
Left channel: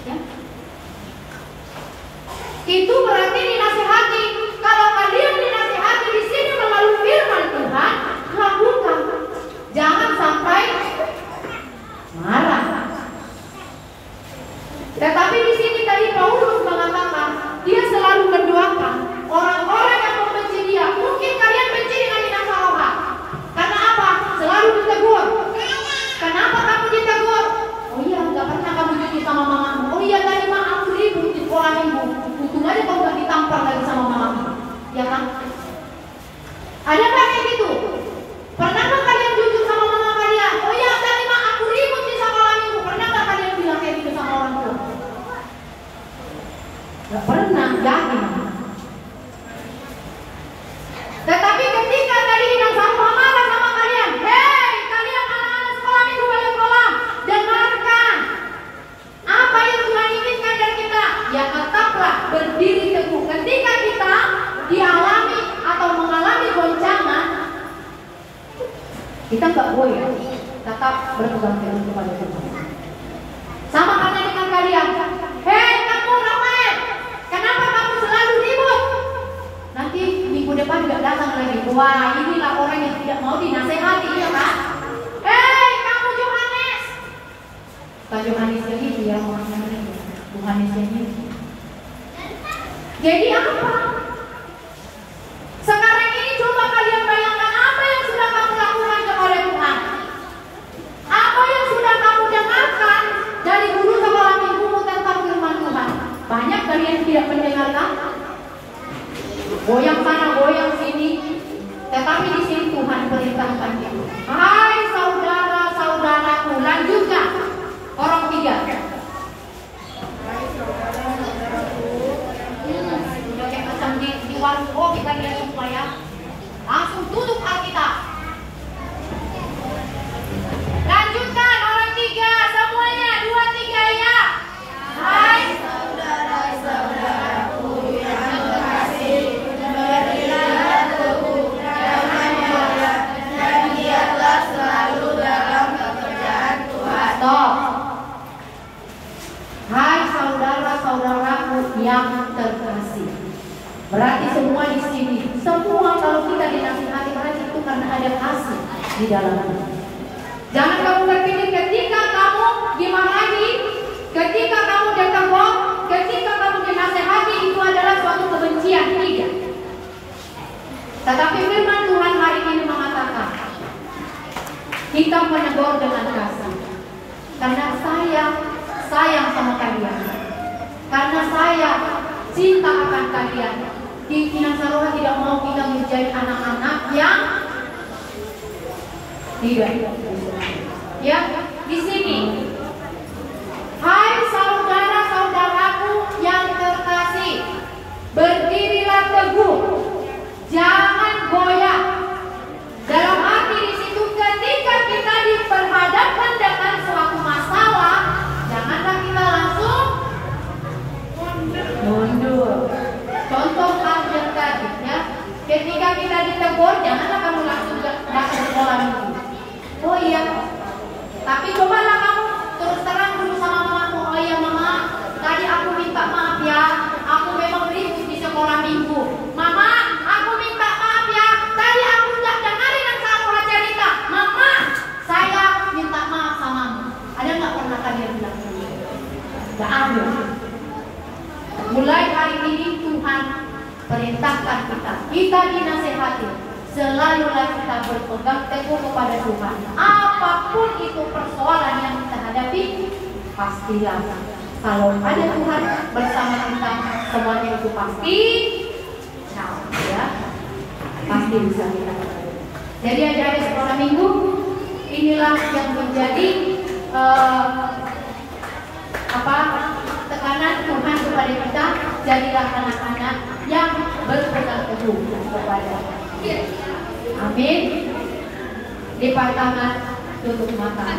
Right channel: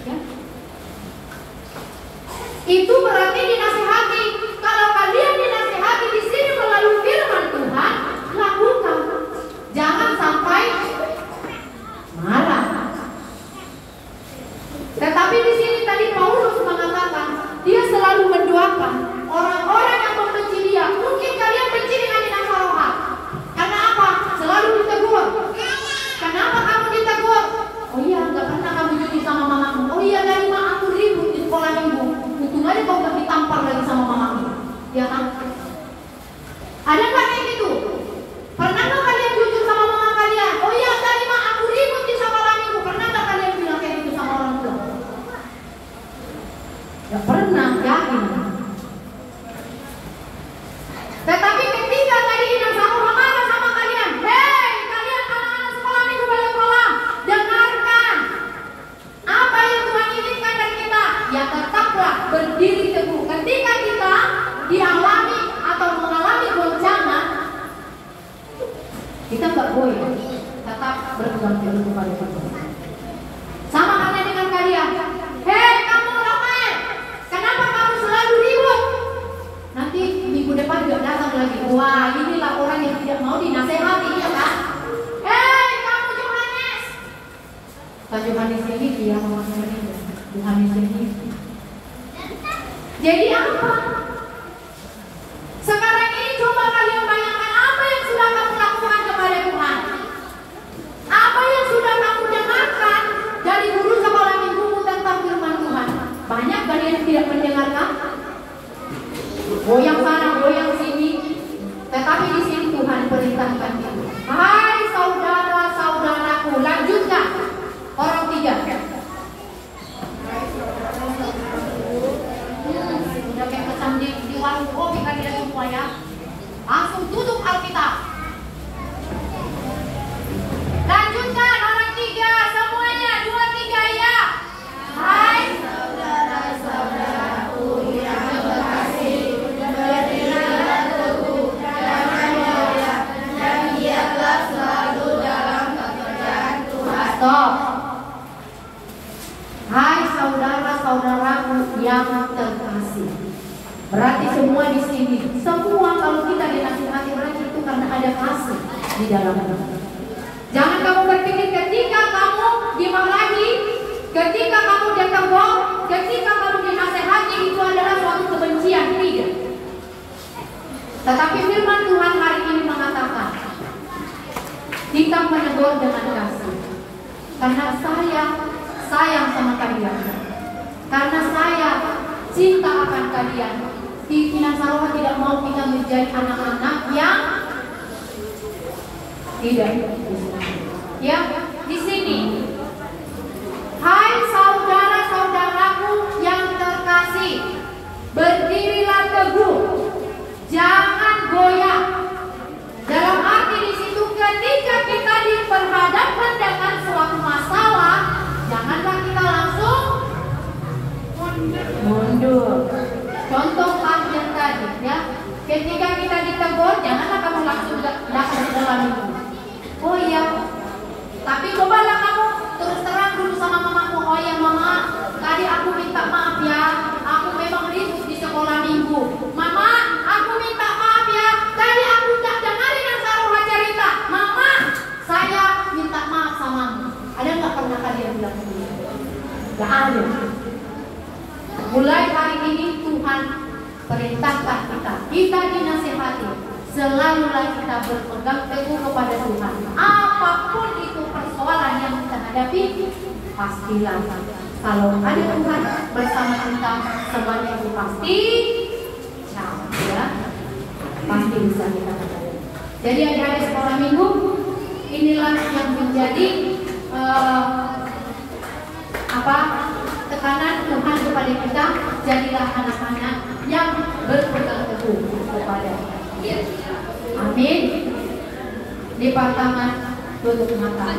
Ya. Itu berarti dinasihati. Kalau kalian dinasihati di sini melalui firman Tuhan, lakukan. Jangan sampai marah. Tetapi di sini tadi Paulus mengatakan, dia selalu mendoakan orang-orang yang membenci dia. Mungkin kalian benci dengan binasa rohan. Karena apa? Selalu ditegur. Kenapa kamu ditegur? Oh iya, nggak pernah kamu jujur sama mamamu. Oh iya, tadi aku ribut di sekolah minggu. Untung aja kau nggak ditampar lagi sama mamamu. Ya kan? Ada nggak kayak gitu? Pernah nggak kalian jujur sama mama kalian? Oh iya, tadi aku ribut di sekolah minggu. Pernah nggak kalian bilang kayak gitu sama orang tua? Nggak pernah, yakin. Tetapi ketika tadi binasa rohan marah sama kalian, hei kalian anak-anak sekolah minggu balik kolam, dengarkan apa yang Tuhan inginkan dari kita. Ya tetaplah berdiri teguh. Ketika kita dialami atau mengalami goncangan, kita nggak goyah, tetap berpegang teguh kepada Tuhan. Sama halnya dengan kalian. Hei kamu Rafael, kenapa kamu selalu ribut? Nanti minggu depan juga datang lagi. Wah, inilah orang yang tidak mau dinasehati, ya kan? Hei kamu Johannes. Pak Johannes ini dia orangnya, Johannes ini. Jadi apa? Sekarang ini coba kalian bayangkan apa yang sudah kamu lakukan kepada Tuhan. Apa yang sudah kamu dengarkan dari guru sekolah minggumu tentang firman Tuhan. Banyak kalian tidak mendengarkan. Goyang sana, goyang sini. Tetapi di sini Tuhan perintahkan itu. Hai saudara-saudaraku, lanjutkan. Orang 3. Udah kayak pesan di warung kopi kalian semua ya. Langsung tutup Alkitab. Lanjutkan orang 3, semuanya 2, 3 ya. Hai saudara-saudaraku yang terkasih, berilah teguh dalam ibadah dan giatlah selalu dalam pekerjaan Tuhan. Stop. Hai saudara-saudaraku yang terkasih. Berarti semua di sini, semua kalau kita dinasihati berarti itu karena ada kasih di dalamnya. Jangan kamu berpikir ketika kamu dimarahi, ketika kamu ditegur, ketika kamu dinasehati itu adalah suatu kebencian. Tidak. Tetapi firman Tuhan hari ini mengatakan kita menegur dengan kasih. Karena sayang sama kalian. Karena saya cinta akan kalian. Pimpinan Saroha tidak mau kita menjadi anak-anak yang tidak. Ya, di sini. Hai saudara-saudaraku yang terkasih, berdirilah teguh, jangan goyah. Dalam arti di situ ketika kita diperhadapkan dengan suatu masalah, janganlah kita langsung mundur. Contoh hadir tadi ya, ketika kita ditegur, janganlah kamu langsung datang ke sekolah minggu. Oh iya, tapi cobalah kamu terus terang dulu sama mamamu. Oh iya mama, tadi aku minta maaf ya, aku memang ribut di sekolah minggu. Mama, aku minta maaf ya, tadi aku gak dengerin yang Saroha cerita. Mama, saya minta maaf samamu. Ada gak pernah kalian bilang begitu? Gak ada. Mulai hari ini Tuhan perintahkan kita dinasehati, selalulah kita berpegang teguh kepada Tuhan. Apapun itu persoalan yang kita hadapi, pastilah kalau ada Tuhan bersama kita, semuanya itu pasti, ya, pasti bisa kita. Jadi adik-adik sekolah minggu, inilah yang menjadi tekanan Tuhan kepada kita. Jadilah anak-anak yang berpegang teguh kepada Dia. Amin. Lipat tangan, tutup mata.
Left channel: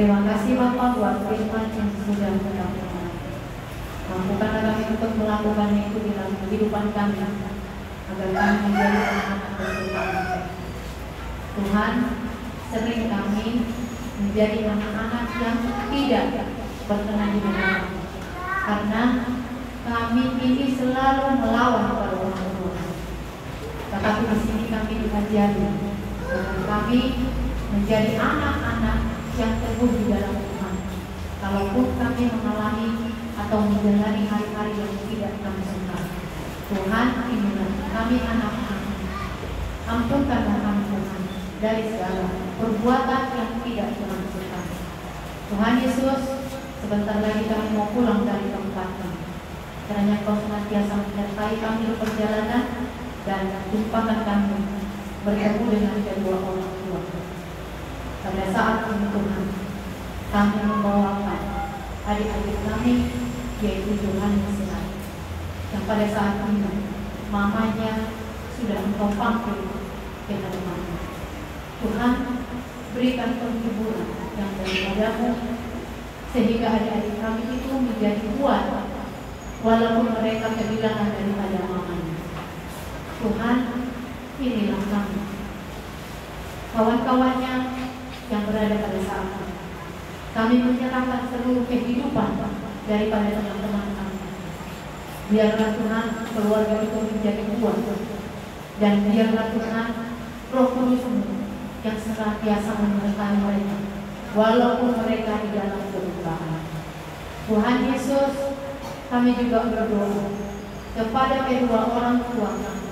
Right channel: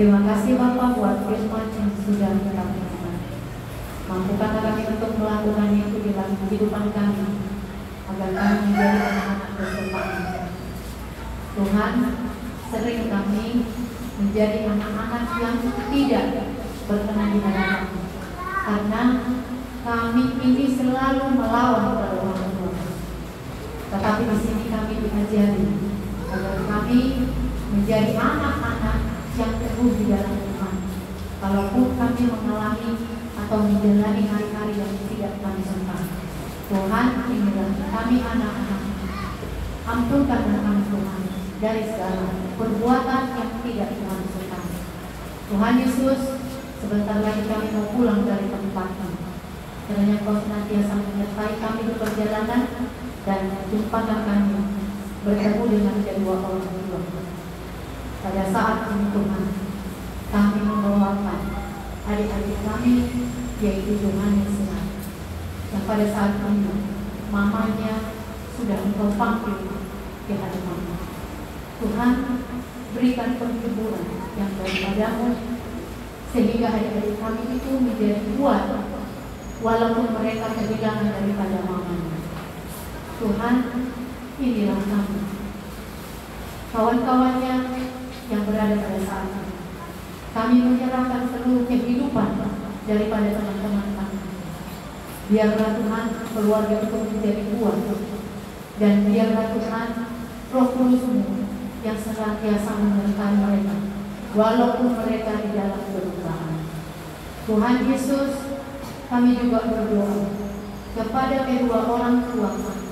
Terima kasih Bapak buat firman yang sudah kami. Mampukan kami untuk melakukannya itu di dalam kehidupan kami, agar kami menjadi anak-anak bersumpah. Tuhan, sering kami menjadi anak-anak yang tidak berkenan di hadapan kami, karena kami ini selalu melawan kepada orang tua. Tetapi di sini kami diajari agar kami menjadi anak-anak yang teguh di dalam Tuhan. Kalaupun kami mengalami atau menjalani hari-hari yang tidak kami suka, Tuhan, inilah kami anak-anak. Ampunkanlah kami Tuhan dari segala perbuatan yang tidak Tuhan suka. Tuhan Yesus, sebentar lagi kami mau pulang dari tempat ini. Kiranya Kau senantiasa menyertai kami di perjalanan dan jumpakan kami bertemu dengan kedua orang tua. Pada saat ini Tuhan, kami membawakan adik-adik kami, yaitu Yohanes yang pada saat ini mamanya sudah Engkau panggil ke hadapan-Mu. Tuhan, berikan penghiburan yang daripadamu, sehingga adik-adik kami itu menjadi kuat walaupun mereka kehilangan daripada mamanya. Tuhan, inilah kami, kawan-kawannya yang berada pada saat ini. Kami menyerahkan seluruh kehidupan daripada teman-teman kami. Biarlah Tuhan keluarga itu menjadi kuat, dan biarlah Tuhan Roh Kudus-Mu yang senantiasa menyertai mereka walaupun mereka di dalam kedukaan. Tuhan Yesus, kami juga berdoa kepada kedua orang tua kami.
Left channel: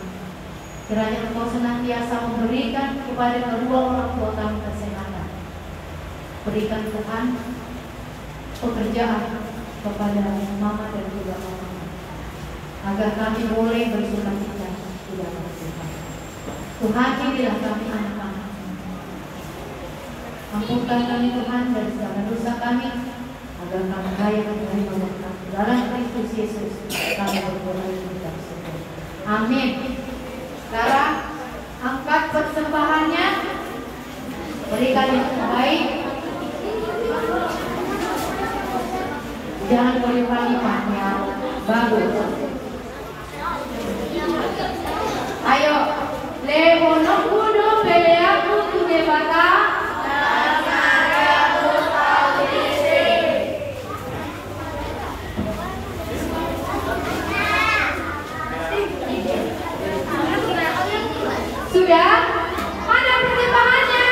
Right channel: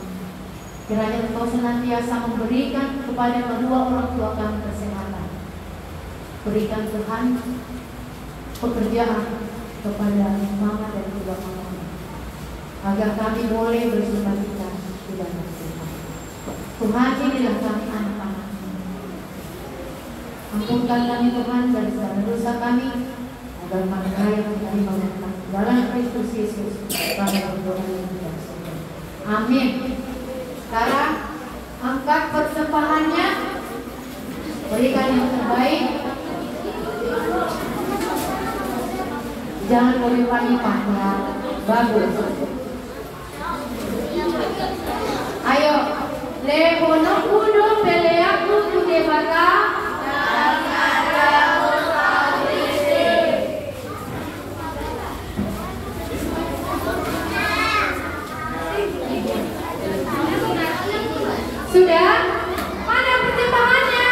Kiranya Engkau senantiasa memberikan kepada kedua orang tua kami kesehatan. Berikan Tuhan pekerjaan kepada mama dan juga mama, agar kami boleh bersukacita di dalam Tuhan. Tuhan, inilah kami anak-anak. Ampunkan kami Tuhan dari segala dosa kami, agar kami layak menerima berkat dalam Kristus Yesus. Kami berdoa yang tidak bersyukur. Amin. Sekarang angkat persembahannya, berikan yang terbaik. Jangan berlimpah-limpah ya, bagus. Ayo, lemono kudo peleaku kude bata. Sudah? Mana pertimbangannya?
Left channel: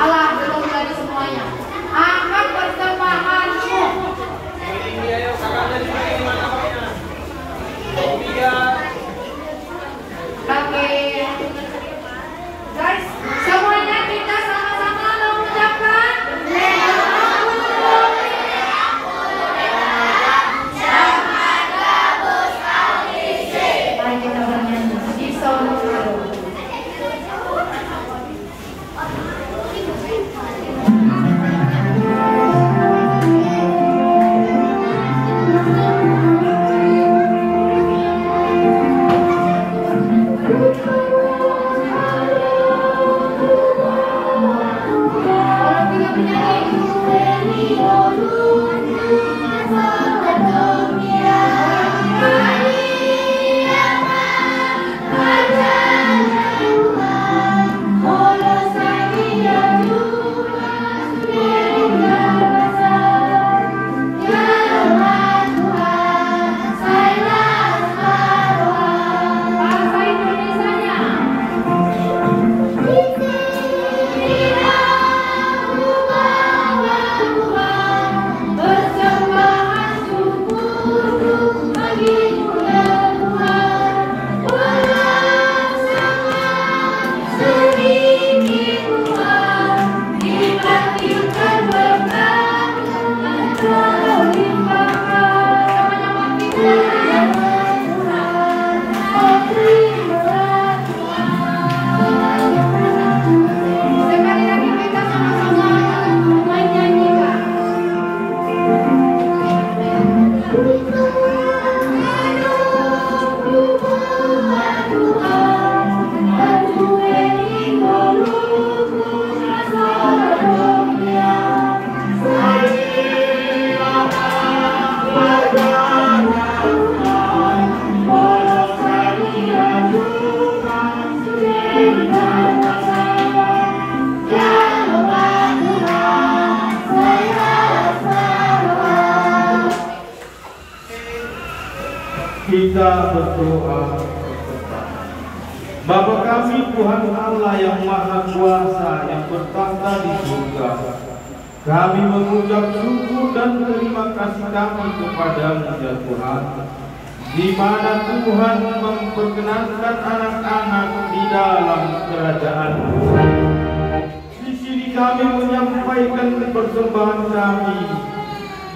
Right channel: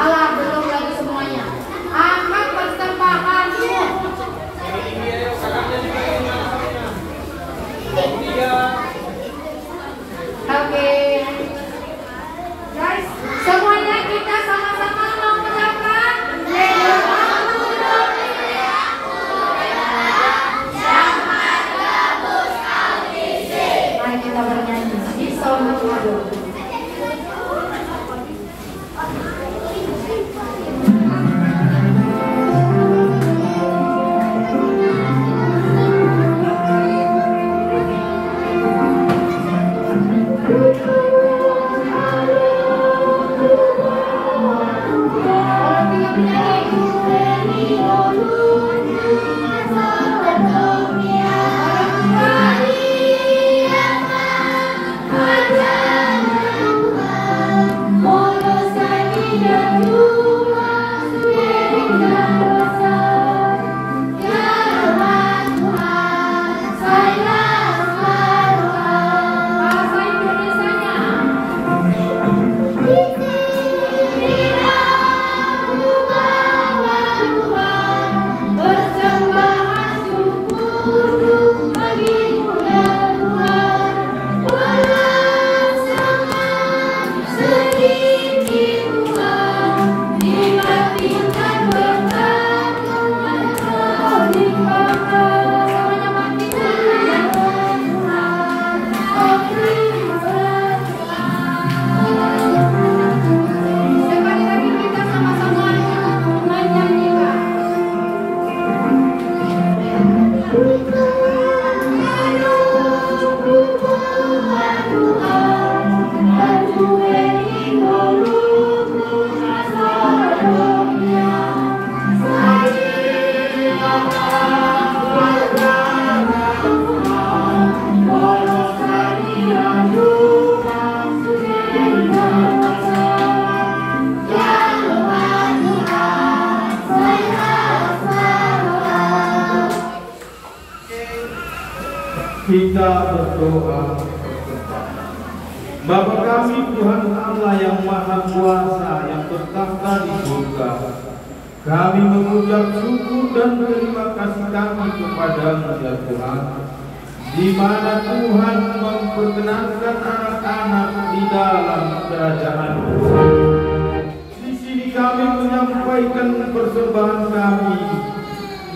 Alah, belum lagi semuanya. Angkat persembahanmu. Kita berdoa. Bapa kami Tuhan Allah yang Maha Kuasa yang bertakhta di surga, kami mengucap syukur dan terima kasih kami kepadamu ya Tuhan, di mana Tuhan memperkenankan anak-anak di dalam kerajaan-Mu. Di sini kami menyampaikan persembahan kami,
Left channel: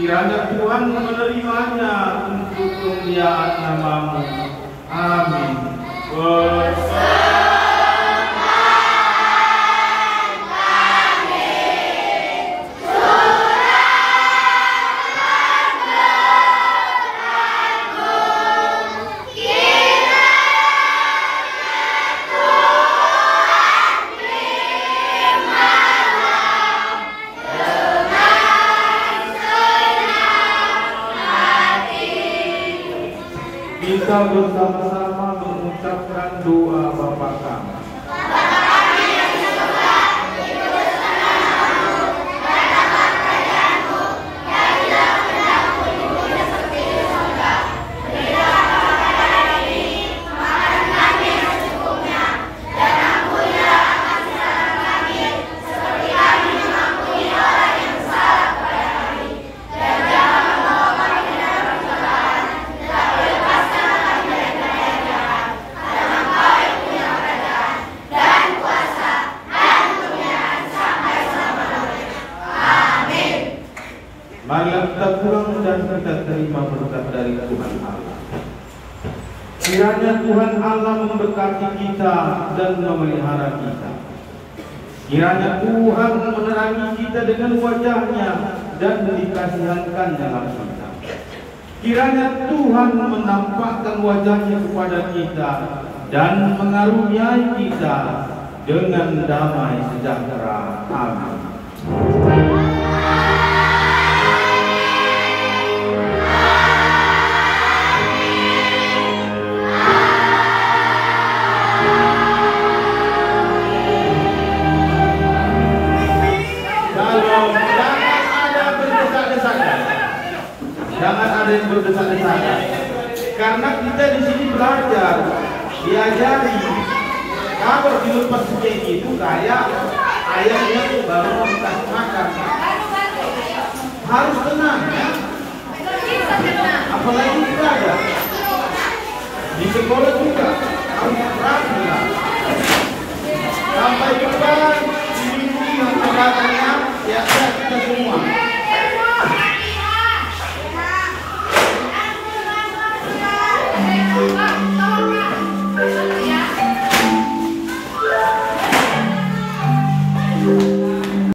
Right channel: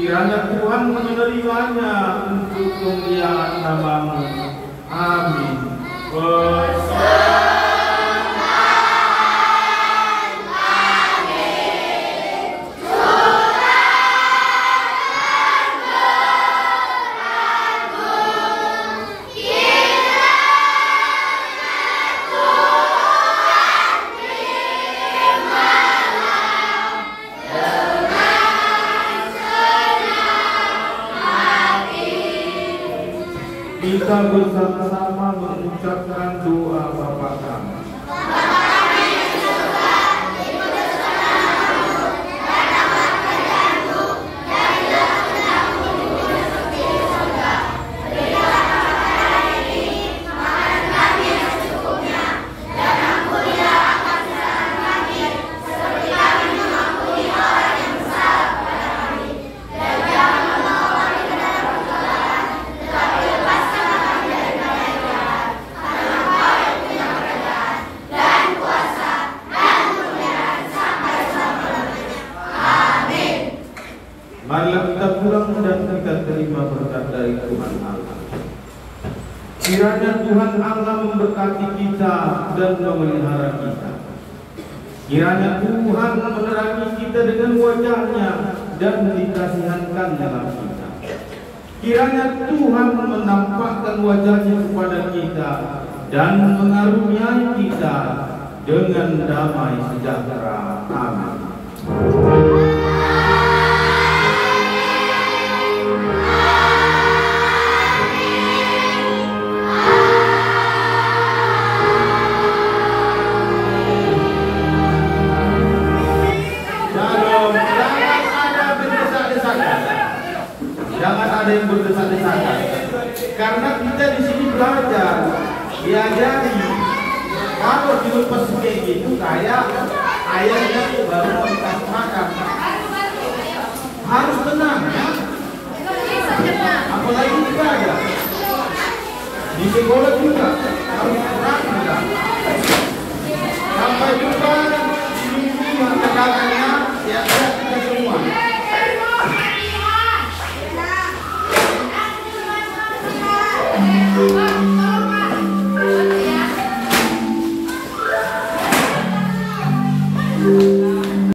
kiranya Tuhan menerimanya untuk kemuliaan nama-Mu. Amin. Kita bersama-sama mengucapkan doa Bapa kami. Marilah kita pulang dan kita terima berkat dari Tuhan Allah. Kiranya Tuhan Allah memberkati kita dan memelihara kita. Kiranya Tuhan menerangi kita dengan wajah-Nya dan dikasihankan dalam kita. Kiranya Tuhan menampakkan wajah-Nya kepada kita dan mengaruniai kita dengan damai sejahtera. Amin. Jangan ada yang berdesak-desakan. Karena kita di sini belajar, diajari. Kalau dilepas kayak gitu, kayak ayahnya tuh baru mau dikasih makan. Harus tenang ya. Apalagi kita aja. Di sekolah juga harus tenang. Sampai jumpa.